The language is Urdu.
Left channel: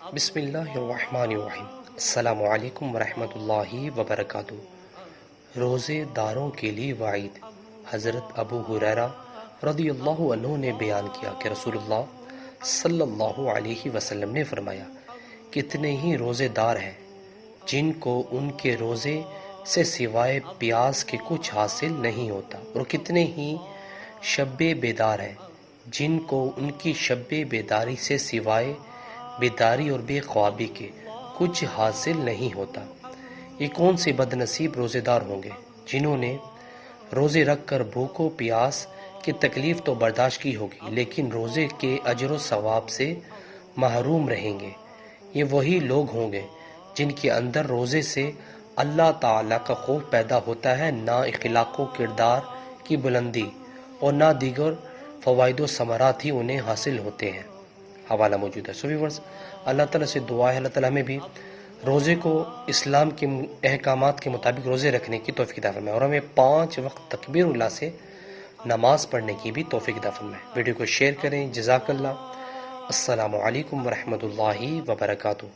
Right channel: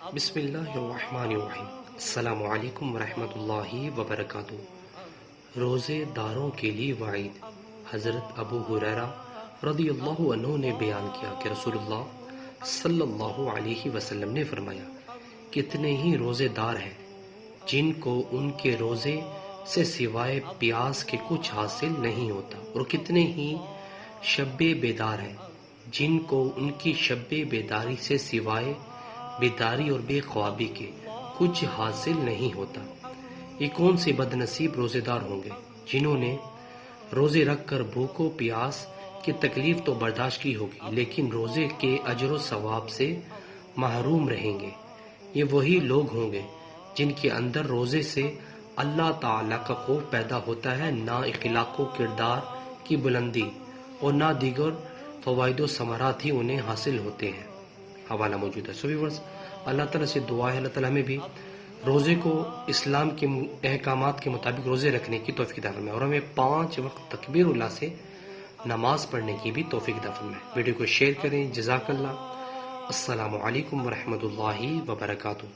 بسم اللہ الرحمن الرحیم۔ السلام علیکم ورحمۃ اللہ وبرکاتہ۔ روزے داروں کے لیے وعید۔ حضرت ابو ہریرہ رضی اللہ عنہ نے بیان کیا کہ رسول اللہ صلی اللہ علیہ وسلم نے فرمایا، کتنے ہی روزے دار ہیں جن کو ان کے روزے سے سوائے پیاس کے کچھ حاصل نہیں ہوتا، اور کتنے ہی شب بیدار ہیں جن کو ان کی شب بیداری سے سوائے بیداری اور بے خوابی کے کچھ حاصل نہیں ہوتا۔ یہ کون سے بد نصیب روزے دار ہوں گے جنہوں نے روزے رکھ کر بھوک و پیاس کی تکلیف تو برداشت کی ہوگی، لیکن روزے کے اجر و ثواب سے محروم رہیں گے۔ یہ وہی لوگ ہوں گے جن کے اندر روزے سے اللہ تعالیٰ کا خوف پیدا ہوتا ہے، نہ اخلاق و کردار کی بلندی اور نہ دیگر فوائد و ثمرات ہی انہیں حاصل ہوتے ہیں۔ حوالہ موجود ہے۔ ویورز، اللہ تعالیٰ سے دعا ہے اللہ تعالیٰ ہمیں بھی روزے کو اسلام کے احکامات کے مطابق روزے رکھنے کی توفیق عطا فرمائے، اور ہمیں 5 وقت تکبیر اللہ سے نماز پڑھنے کی بھی توفیق عطا فرمائے۔ ویڈیو کو شیئر کریں۔ جزاک اللہ۔ السلام علیکم ورحمۃ اللہ وبرکاتہ۔